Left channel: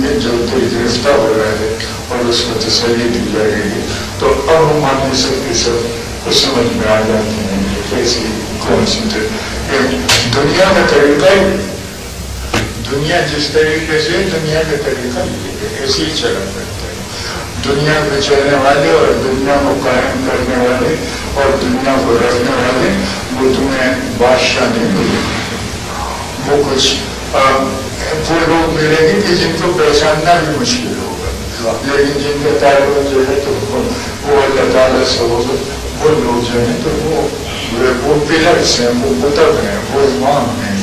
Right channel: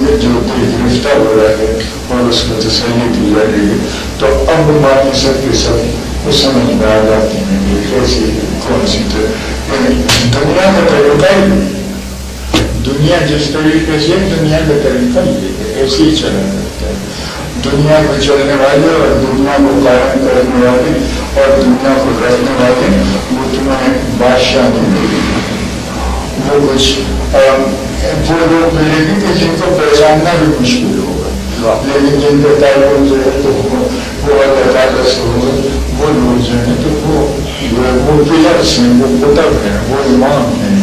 جو دل گرفتہ ہو رہا ہے اور اس کو تسلی دی جائے گی تو اب معنی سب کے سب کو سمجھ میں آ جاتے ہیں کہ کیسی کون سی دنیا کا طریقہ ہی دنیا جس طریقے سے دنیا کا طریقہ یہ ایسے ہی چلا کرتا ہے. دنیا میں چلنے والے اور دنیا کو قائم کرنے والے اور دنیا کو رکھنے والے وہ تمہیں بادشاہ نہیں کریں گے. وہ کچھ وہ لوگ ملیں گے کہ جن کو پہچاننا بھی مشکل ہوگا لیکن جن کا تعلق جو ہے تو وہ اللہ تعالیٰ سے ہوگا. وہ لوگ جو ہیں تو وہ پلرس ہیں, وہ قطب ہیں, وہ امام ہیں,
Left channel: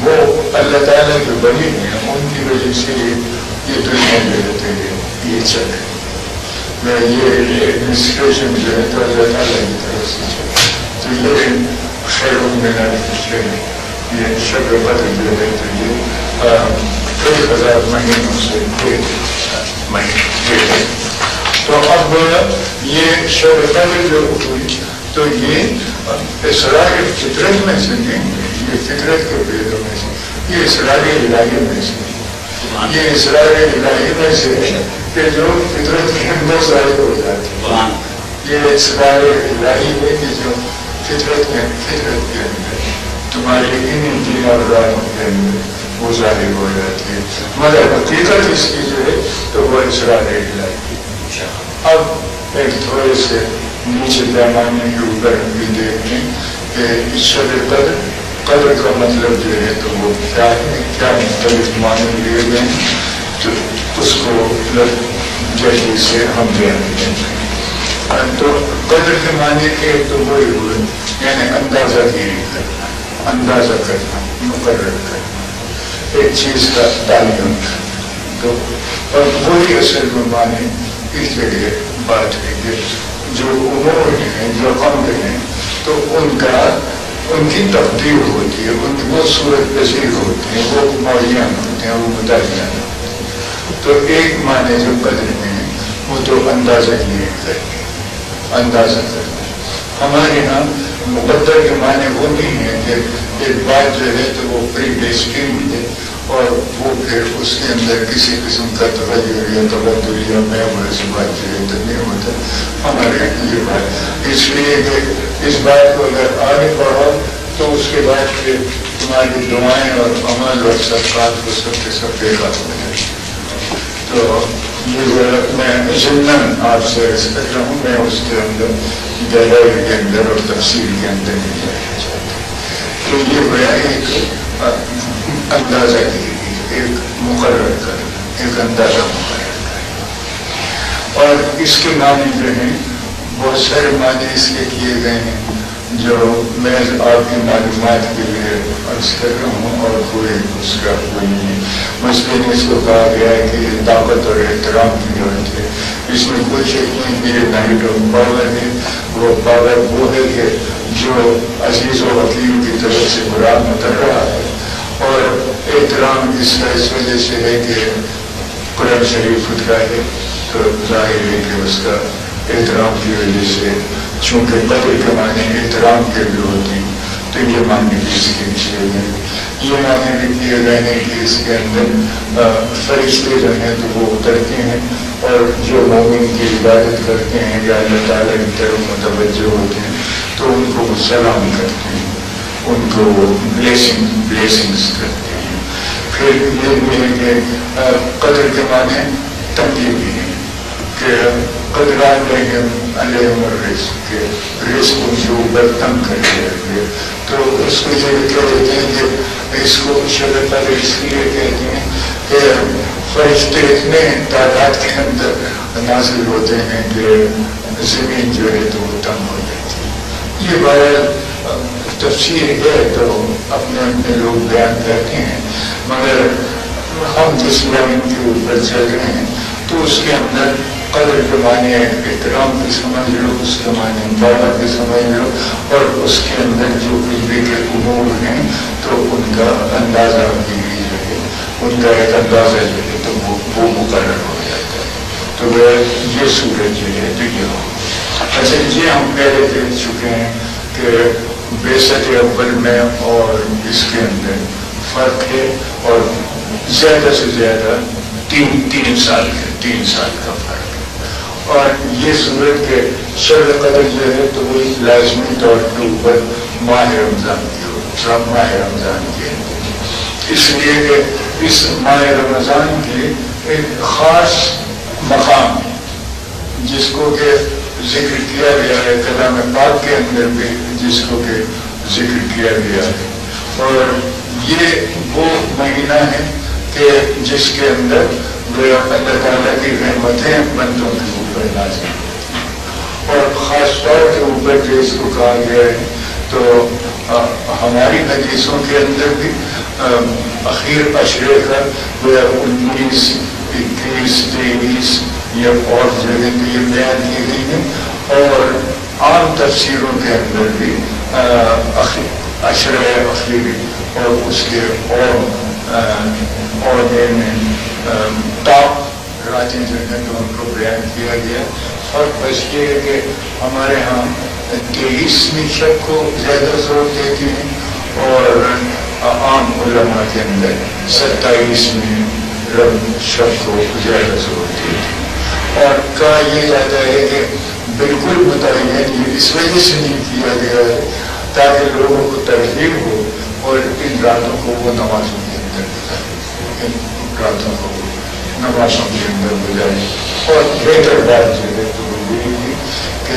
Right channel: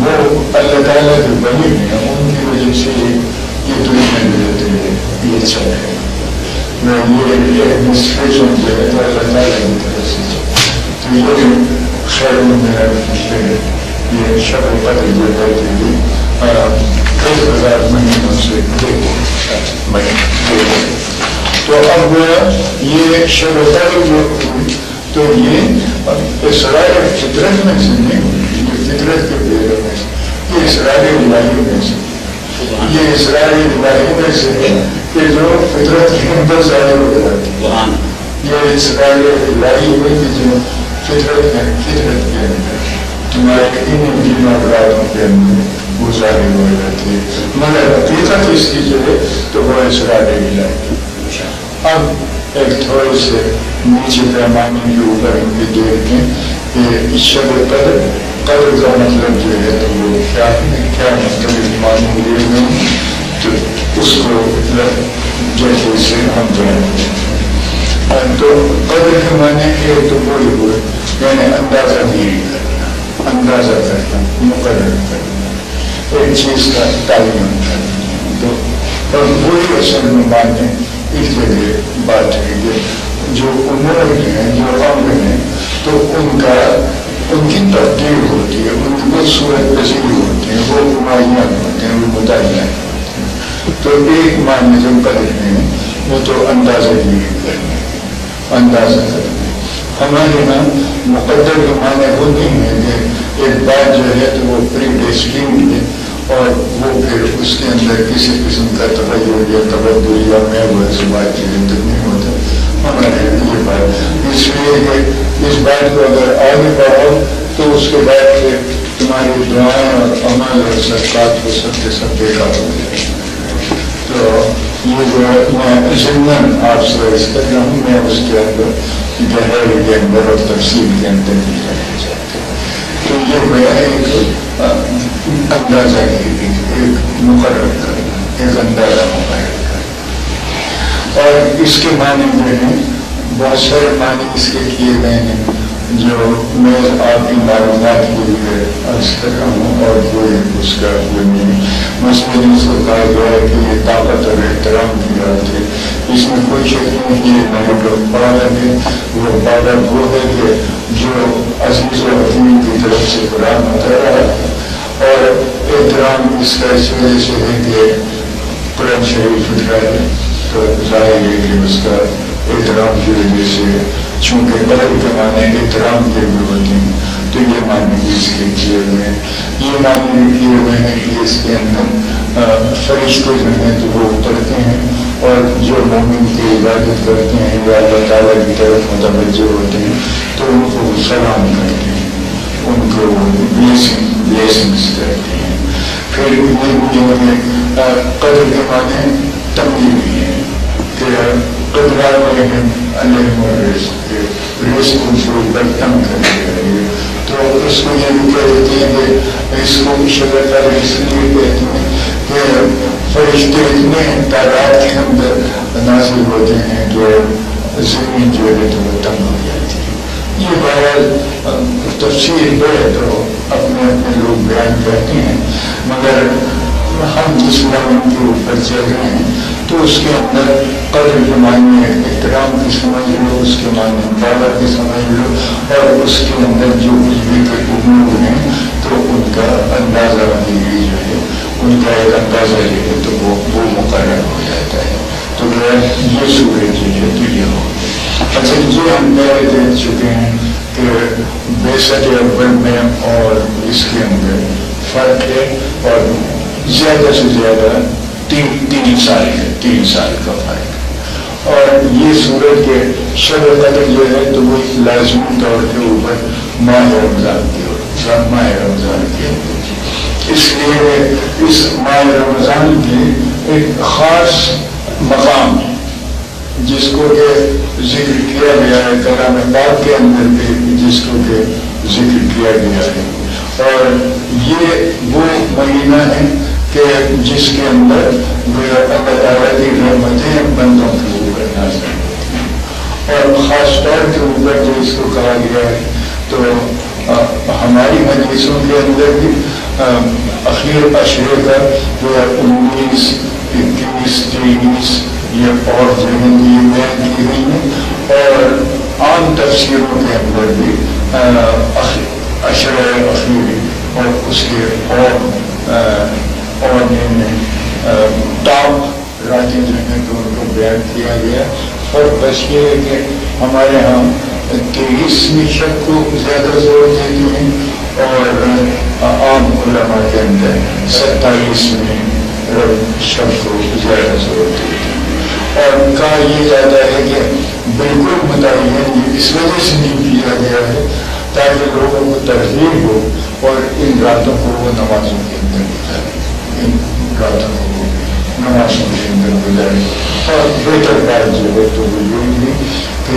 وہ اللہ تعالیٰ کے ولی ہیں. ان کی وجہ سے یہ دنیا جو ہے یہ چل رہی ہے. یہ ایڈمنسٹریشن جو ہے تو اللہ تعالیٰ کی طرف سے تو یہ خیر میرا یہ شب قدر جو ہے تو یہ کئی ہزار مہینوں سے مہینے. تو اب یہ شب قدر جو ہوئی تو یہ اسرار فطرت میں سے نہیں ہوئی, یہ فطرت کے پیڑوں میں سے, یہ اسرار الہی میں سے, یہ اسرار الہی میں سے ہے کہ جو فطرت کے اندر ظاہر ہو جاتی ہے. یہ اسرار الہی ہے کہ جو فطرت کے اندر تمہارے انہیں دن اور راتوں کے اندر وہ ظاہر ہو جاتی ہے, مگر حقیقت اس کی جو ہے تو وہ اسرار الہی. اب ایک تھوڑے سے نیچے پیمانے کے اوپر دیکھ لیں کہ شب قدر کا مطلب جو ہے تو وہ کیا ہے, کیا مختلف معنی لیے گئے تو اس کو جیسے سے ہم بیان کریں. تو قدر کے معنی ایک تو وہی ہوئے یعنی اندازہ گیری کرنا, اندازہ کرنا, مقرر کرنا, ایک چیز کا تعین کرنا. تو اور وہی اصل میں معنی اس جگہ بات ہوئی ہے. جو امور ہیں, جو امر ہیں تو ان کی تبدیل ہوتی ہے, ان کی وہ صورت پذیر ہوتی ہے, وہ معین ہوتے ہیں, وہ متعین ہوتے ہیں. تو ایک معنی جو قدر میں وہ تو اندازہ لیے کریں, اندازہ کرنا. ہمارے یہاں مقدر کے معنی وہ نہیں ہے کہ ایک بات جو ہے تو وہ پری ڈیسٹینڈ ہے اور وہ پھر اس کے اندر کسی قسم کا تغیر یا تبدل یا میں وہ ایسی بات جو ہے تو نہیں ہوتا. ہمارے یہ بات اس لیے کہ اس بات کو اگر آگے بڑھو تو اس کے بعد پھر تمہاری دعائیں اور عمل اور صدقات کو سب کے سب بیکار ہو جائیں. تو یہ میں ضمن آپ سے عرض کر رہا ہوں, میں اس کے اندر گہرائی کے اندر اور تفصیل کے اندر نہیں جانا چاہتا. تو یہ گویا ایک اندازہ کی ایک مقرر کرنا, ایک اندازہ مقرر کرنا. اور اس کے معنی جو ہیں بہت سارے معنی اس کے کیے گئے ہیں جو میں آپ کی معلومات کے لیے عرض کر رہا ہوں اور کوئی اس کا مثلاً اس کو کہا گیا ہے کہ یہ طاقت اور احترام کی بات ہے. اس میں کوئی شک نہیں کہ یہ نائٹ آف پاور ہے. وہ پاور وہ ہے کہ جو عزیز و حکیم کی طرف سے برات اتر رہا ہے, اور احترام اس کا اس وجہ سے ہے کہ قرآن شریف اترا ہے تو ظاہر ہے کہ اس کا احترام کی وجہ سے چونکہ قدر کے معنی احترام کے بھی ہوتے ہیں تو یہ معنی بھی اس کے کیے گئے ہیں. یہ معنی بھی کیے گئے ہیں کہ اس کے اندر فرشتے جو ہیں تو وہ اترتے ہیں اور جو مومن کی عبادت کرتے ہیں یا اللہ تعالیٰ کی طرف متوجہ ہوتے ہیں تو ان کو سلام کرتے ہیں, ان کو بلیسنگس کرتے ہیں. پھر یہ بھی ہے کہ قدر کے معنی تقدیر بھی ہے کہ قدر علیہم رزق کے اوپر تنگ کر دیا گیا. تو اس کو یہ بھی کہتے ہیں کہ اس کو شب قدر اس لیے کہتے ہیں کہ فرشتے اتنے تعداد کے اندر نازل ہوتے ہیں کہ زمین جو ہے تو وہ تنگ ہو جاتی ہے. یہ بہرحال تفسیر ہے تو اپنے اپنے لوگ بیان کرتے ہیں, مگر ہم جس لائن کے اوپر چل رہے ہیں تو اس کے اندر قدر کے معنی احترام کی سمجھ لو, اس کے معنی پاور کی سمجھ لو, اور اس کے اندر جو کچھ بھی کے امور ہیں تو ان کا اندازہ بھی ان کا ایک اندازہ جو ہے تو وہ مقرر ہو جاتا ہے. تو یہ صورت جو ہے تو یہ ہو. اچھا یہ ہم پہلے دیکھ چکے ہیں کہ بیسط اول میں اور اس کے اندر فرق ہے, اور زیادہ سے زیادہ تین سال کا فرق ہے۔ اور یہ سورج کے شب قدر جو ہے تو وہ لازمی طور کے اوپر ماہ رمضان کی اس لیے اس ماہ رمضان کی ایک خاص مقام ہے جس کو کہ ذکر کیا گیا ہے کلام پاک کے اندر بھی، جس کو کہ ذکر کیا گیا ہے۔ اور یہ وہ مہینہ ہے کہ جس کے اندر اللہ تعالیٰ کی رحمتیں بندوں کے اوپر نازل ہیں، اور خاص طور کے اوپر جو اس کو کہا گیا ہے تو ہماری حدیثوں کے اندر بھی اخیر عشرے کا 19، 21، 23 یہ اور جگہ بھی یہ بیان کی گئی ہے، اور عام تفسیروں کے اندر بھی عشرہ اخیری اور اس کے اور ٹاپ راتیں جو ہیں تو ان کو بیان کیا گیا۔ اور بس یہ ہے کہ ہمارے ہاں 23ویں شب کو زیادہ زور دیتے ہیں، اور عام علماء کے اندر 27ویں شب کو زیادہ زور دیتے ہیں۔ اور کہا یہ جاتا ہے کہ بالکل متعین یہ اس وجہ سے نہیں کیا گیا ہے تاکہ لوگوں کو ترغیب ہو اور ان راتوں کو وہ نمازوں کے اندر گزارے، ان راتوں کو نمازوں کے اندر گزارے۔ اور بہتر بات جو ہے تو وہ یہ ہے کہ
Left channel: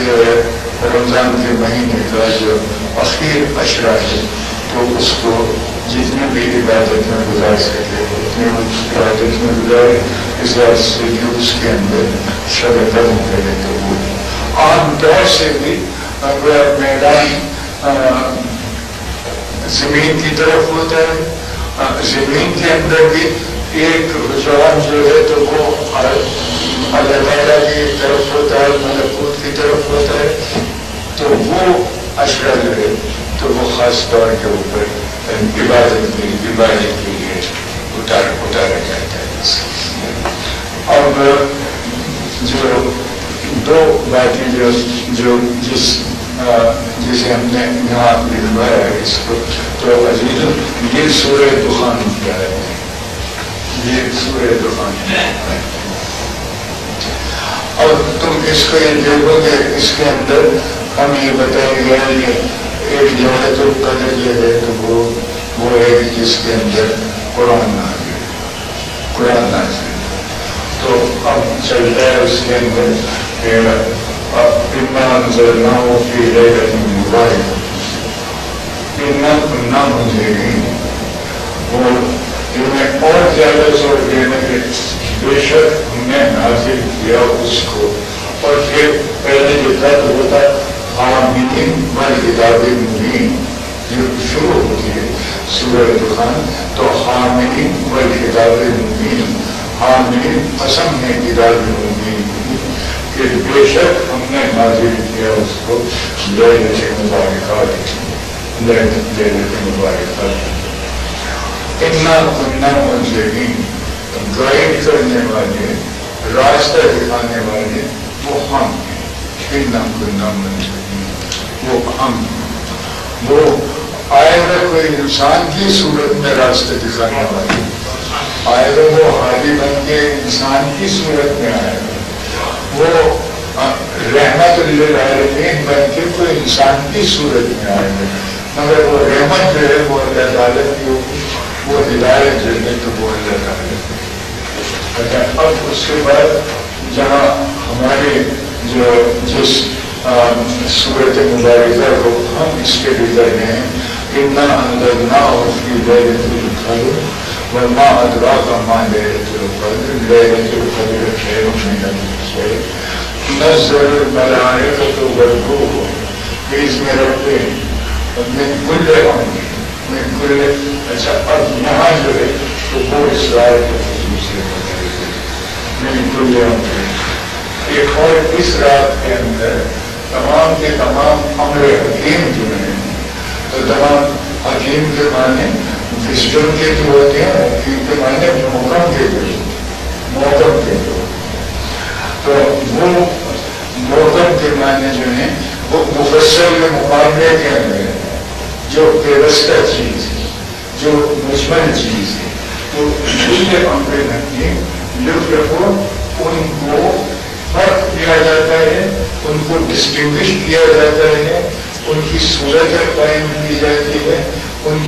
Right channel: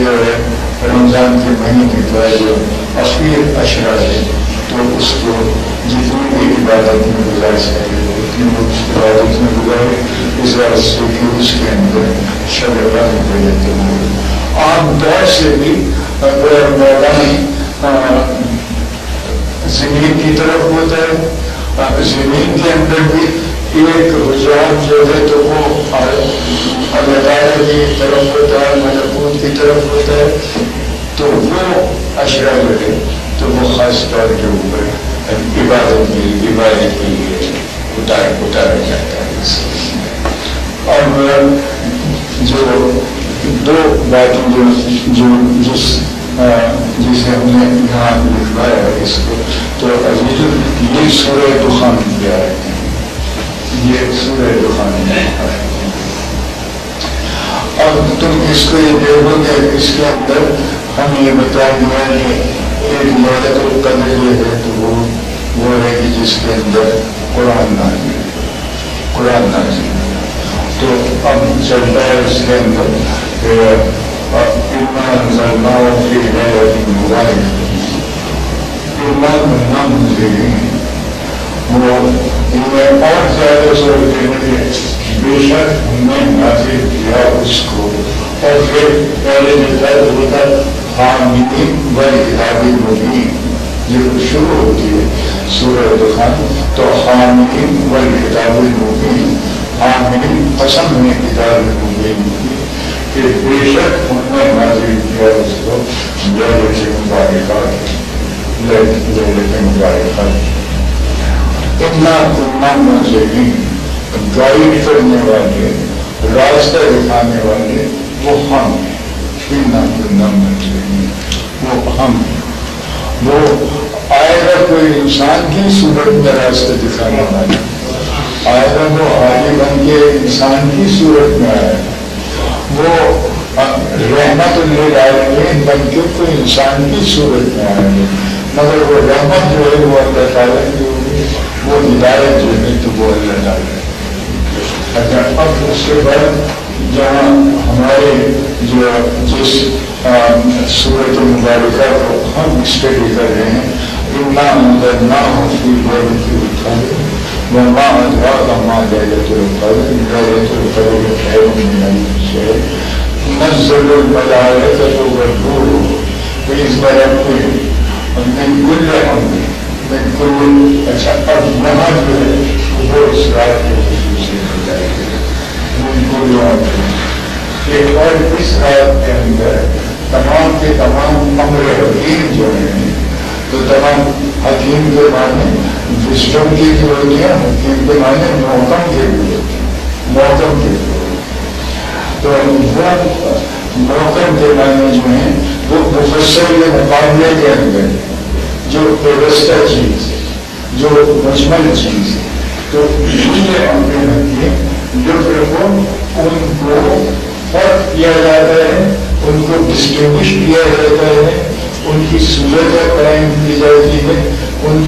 رمضان کے مہینے کا جو اخیر عشرہ ہے تو اس کو جتنی بھی عبادت میں گزار سکے اتنی عبادت میں گزارے، اس واسطے کہ اس کے اندر شب قدر ہے۔ عام طور سے بھی اگر میدان زمین کی طرف ہوتا ہے، زمین کے اندر بھی ایک رجحان جو ہے تو وہ اللہ تعالیٰ کی طرف ہوتا ہے، ملکوت کی طرف ہوتا ہے، تو وہ عشرہ جو ہے تو وہ خاص طور کے اوپر عبادت کے لیے اتارا جاتا ہے۔ اور جو دو باتیں جسے ہم نے یہاں لکھوایا ہے اس کو تو عزیزوں یہ سورہ دخان کی آیت ہے، یہ سورہ دخان کی آیت ہے۔ اور تم اس کو یہ دیکھو کہ اس کے اندر ہم یہ بتائیں گے کہ ایک لیلۃ القدر جو ہے تو وہ ہے جس کے اندر قرآن نازل تو اب چلتا ہے اس کے اندر کہ اِنَّا أَنزَلْنَاهُ فِي لَيْلَةٍ مُبَارَكَةٍ اِنَّا كُنَّا مُنذِرِينَ۔ وہ انہیں اور زیادہ زور دینے کے بے شک ہم نے نازل کیا اس کو، اور پھر پہلے جو تھا وہ تھا حامیم والکتاب المبین، جو شروع ہوتی ہے سورہ دخان تو حامیم والکتاب المبین، حامیم قسم میں کتاب مبین کہ بے شک ہم نے نازل کیا اس کو لیلۃ مبارکہ۔ اِنَّا كُنَّا مُنذِرِينَ، گائیڈ کرنے والے، راستہ دکھانے والے وہ ہم ہیں۔ اِنَّا كُنَّا مُنذِرِينَ، وہ ہم، وہ آئے گا کوئی انسان کی صورت میں راستہ دکھانے والا، آئے گا وہ ہادی بن کے انسان کی صورت میں آئے گا، وہ رحمت للعالمین بن کے کوئی انسان کی صورت میں آئے گا، مگر وہ رحمت جو ہے وہ اللہ تعالیٰ کی ہوگی، وہ ہدایت جو ہے تو وہ اللہ تعالیٰ کی۔ اچھا اب اس کے بعد جہاں ہمارے جو جس سورۃ مبارکہ کو ہم اسٹڈی کر رہے ہیں، اِنَّا أَنزَلْنَاهُ فِي لَيْلَةِ الْقَدْرِ وَمَا أَدْرَاكَ مَا لَيْلَةُ الْقَدْرِ لَيْلَةُ الْقَدْرِ خَيْرٌ مِّنْ أَلْفِ شَهْرٍ تَنَزَّلُ الْمَلَائِكَةُ وَالرُّوحُ بِإِذْنِ رَبِّهِم مِّن كُلِّ أَمْرٍ مِّن كُلِّ۔ اچھا اب یہاں جو ہے تو وہ اسرائیل کی خصوصیت بتائی گئی، مِن كُلِّ أَمْرٍ، ایک اور اس رات کے اندر تمام کے تمام امر حکیم جو ہیں تو تمام حکیم کے معنی وزڈم کے جو ہوتے ہیں، حکیم کے معنی محکم کے بھی ہوتے ہیں، محکم کے تو وہ محکم کے معنی جو ہیں وہ مفسر کے مقابلے کے اندر جو پیوستہ چیز ہے، جو مجمل چیز ہے، تو یہ امر حکیم وہ ان کو فرق کیا جاتا ہے، ان کو ڈسٹنگوش کیا جاتا ہے، ان کی صورتیں قائم کی جاتی ہے، ان